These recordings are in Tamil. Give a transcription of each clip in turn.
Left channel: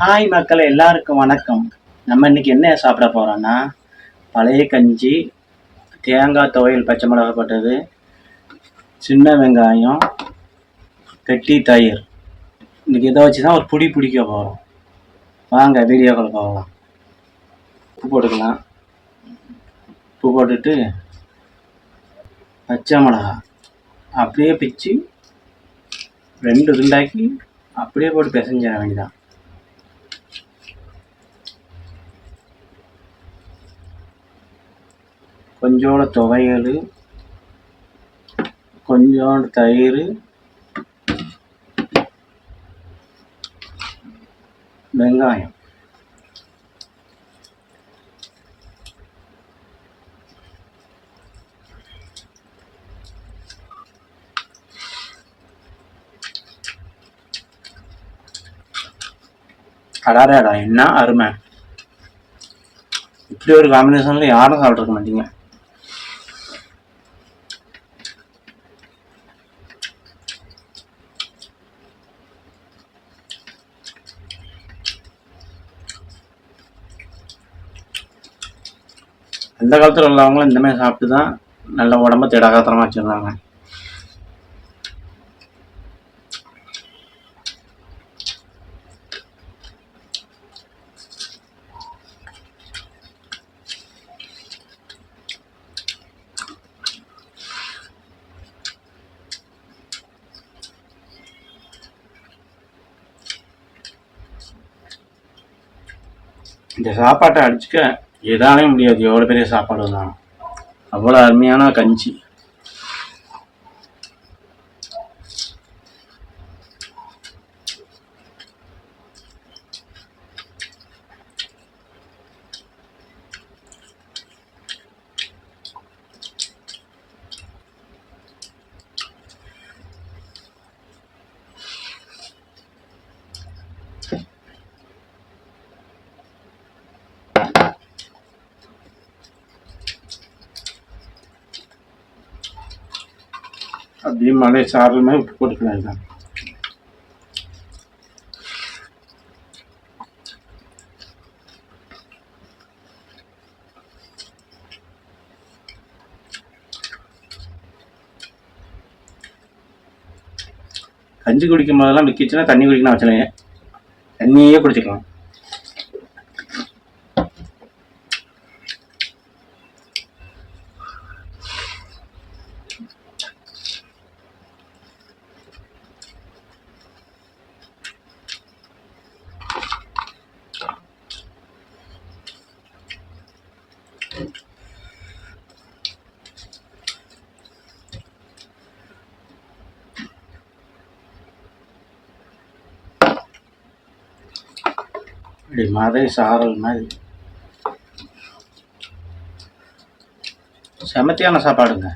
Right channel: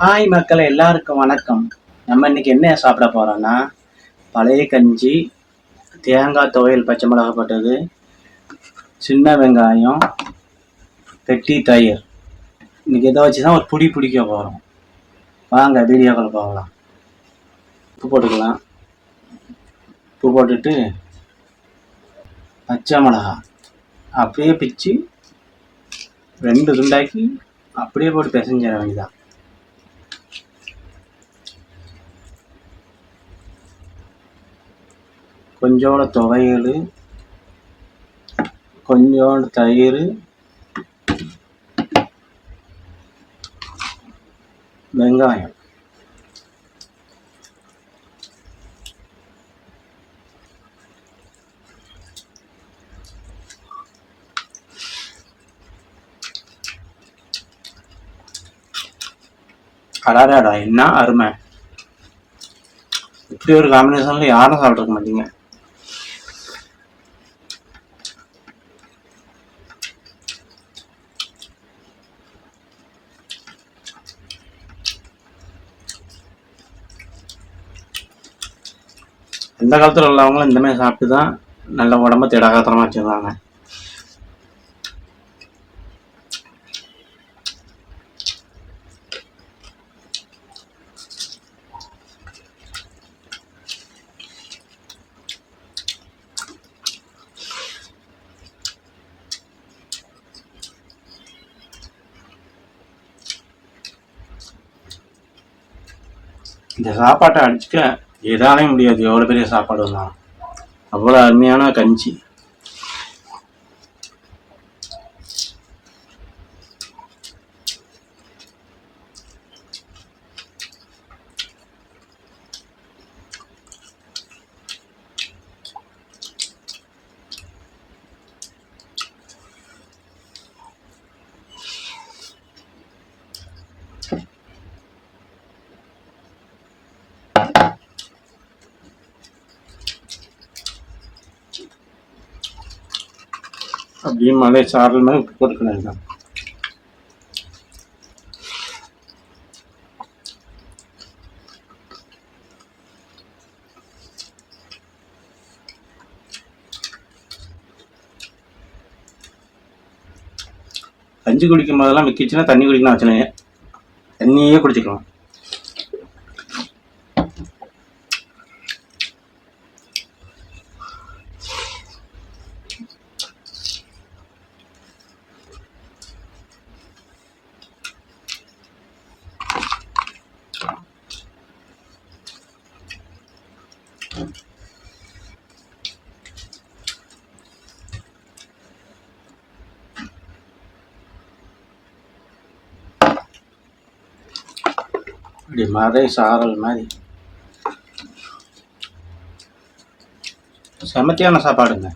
ஹாய் மக்கள் எல்லாருக்கும் வணக்கம். நம்ம இன்னைக்கு என்ன சாப்பிட போகிறோன்னா பழைய கஞ்சி தேங்காய் துவையல் பச்சை மிளகா போட்டது சின்ன வெங்காயம் கெட்டி தயிர். இன்னைக்கு இதை வச்சு தான் ஒரு புடி பிடிக்க போகிறோம் வாங்க வீடியோக்கள் போகலாம். உப்பு போட்டுக்கலாம். உப்பு போட்டுட்டு பச்சை மிளகா. அப்படியே பிச்சு ரெண்டு துண்டாக்கி அப்படியே போட்டு பிசைஞ்சிட வேண்டியதான் கொஞ்சோண்டு துவையல் கொஞ்சோண்டு தயிர் வெங்காயம். அடாடாடா என்ன அருமை. இப்படி ஒரு காம்பினேஷனில் யாரும் சாப்பிட்ருக்க மாட்டீங்க. இந்த காலத்தில் உள்ளவங்களும் இந்தமாதிரி சாப்பிட்டு தான் நல்ல உடம்ப திடகாத்திரமா வச்சுருந்தாங்க. இந்த சாப்பாட்டை அடிச்சுக்க எதாலையும் முடியாது. எவ்வளோ பெரிய சாப்பாடு வந்தாலும். அவ்வளோ அருமையான கஞ்சி. அப்படியே மலை சாரல் மாதிரி உப்பு போட்டுக்கலாம் தான் கஞ்சி குடிக்கும் போதெல்லாம் விற்கிச்சுன்னா தண்ணி குடிக்கணும் வச்சுலைங்க தண்ணியே குடிச்சிக்கலாம். இப்படி மதை சாரல் மாதிரி. செமத்தியான சாப்பாடுங்க.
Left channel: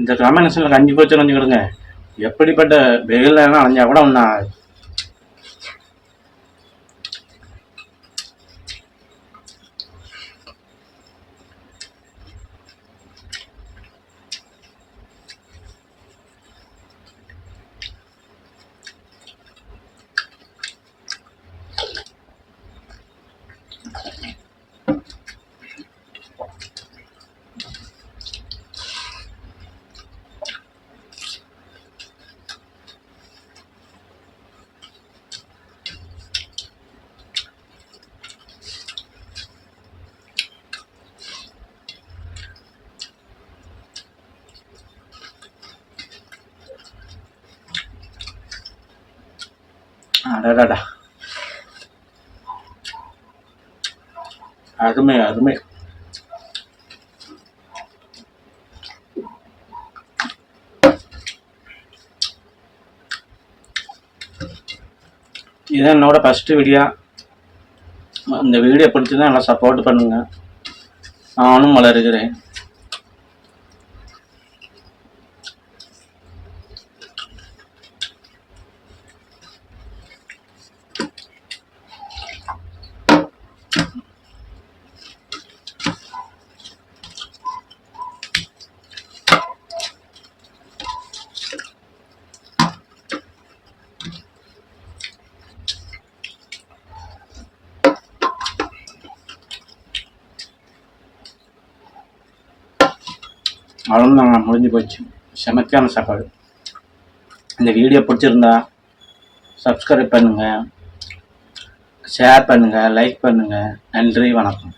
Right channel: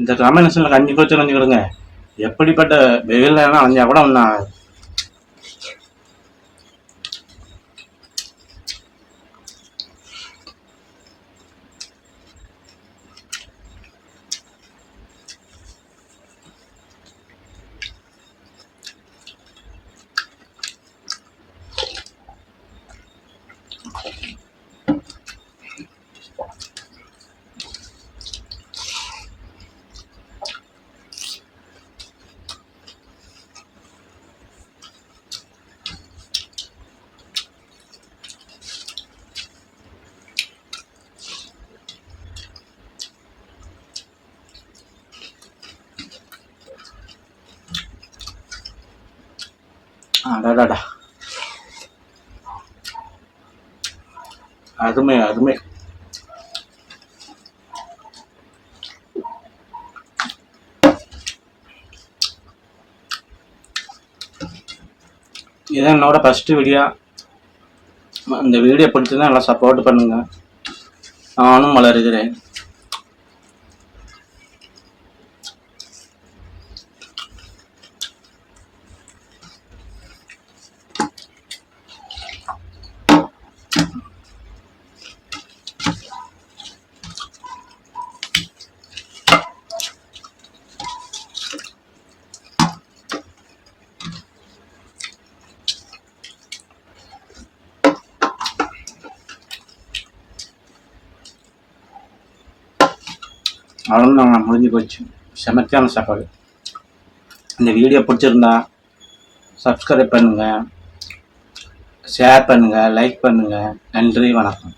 இந்த காம்பினேஷனில் கஞ்சி போச்சு கொடுங்க எப்படிப்பட்ட வெயில் நேரம் அலைஞ்சா கூட நான் அடடடா. அருமை அருமை. இதான் என்னோட ஃபஸ்ட்டு வீடியோ இந்த வீடியோ பிடிச்சிருந்தா நல்லா சப்போர்ட் பண்ணுங்க. நானும் வளருகிறேன். அவ்வளோதாங்க முடிஞ்சு போச்சு. செமத்தியான சாப்பாடு. இந்த வீடியோ பிடிச்சிருந்தா சப்ஸ்கிரைப் பண்ணுங்கள் ஷேர் பண்ணுங்கள் லைக் பண்ணுங்கள் நன்றி வணக்கம்.